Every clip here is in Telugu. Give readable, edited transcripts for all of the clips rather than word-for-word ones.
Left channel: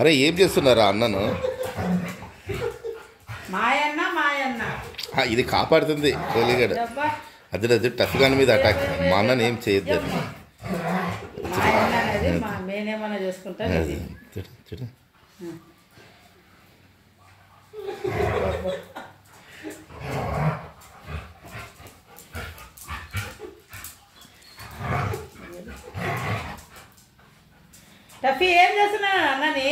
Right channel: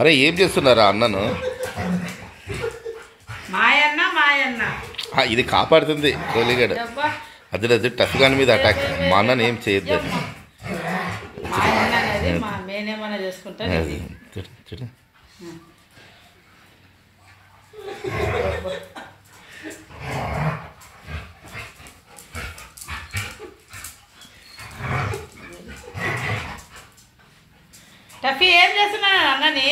అరే ఏం చేస్తున్నారా అన్నను? ఇది కాపాడుతుంది కోలిగడ. అది టఫ్గాన్ మీద అటాక్. మా అన్నను ఏం చేయొద్దు. టఫీ ఏం చేస్తున్నాను అన్నని?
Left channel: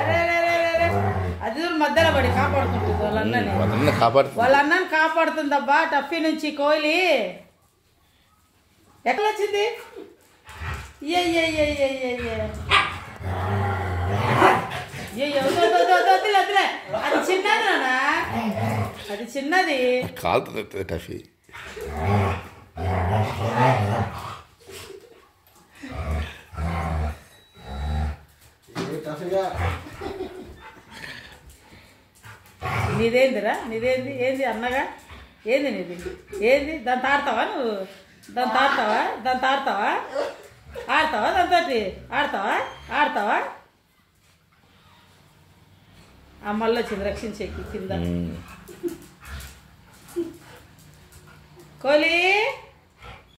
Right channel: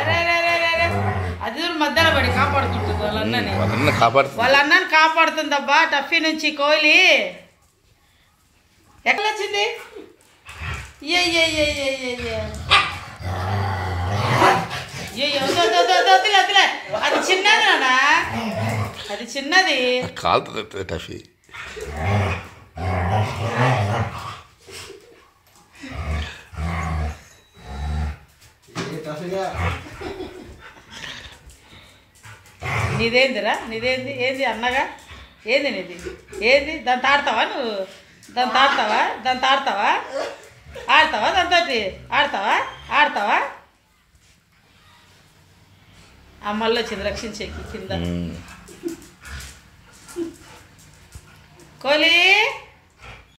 అరే అది మధ్యలో పడి కాపాడుకుంటుంది వాళ్ళ అన్నని. వాళ్ళ అన్నని కాపాడుతుందబ్బా టఫీ నుంచి కోహ్లీ. ఎట్లా వచ్చింది? అది చిన్నది నాన్న, అది చిన్నది. కాలుతుంది టఫీ. నీదేందిరా? నీదేంది? ఏంది అన్నగా? ఏంది నీది? ఏంది? దాన్ని తాడతావా నువ్వు? దాన్ని తాడతావా? దాన్ని తాడతావా? ఆడతావా? దాంతో ఆడతావా? ఆడతావా? అమ్మల్లో వచ్చింది రక్షించేకి కింద. కోహ్లీ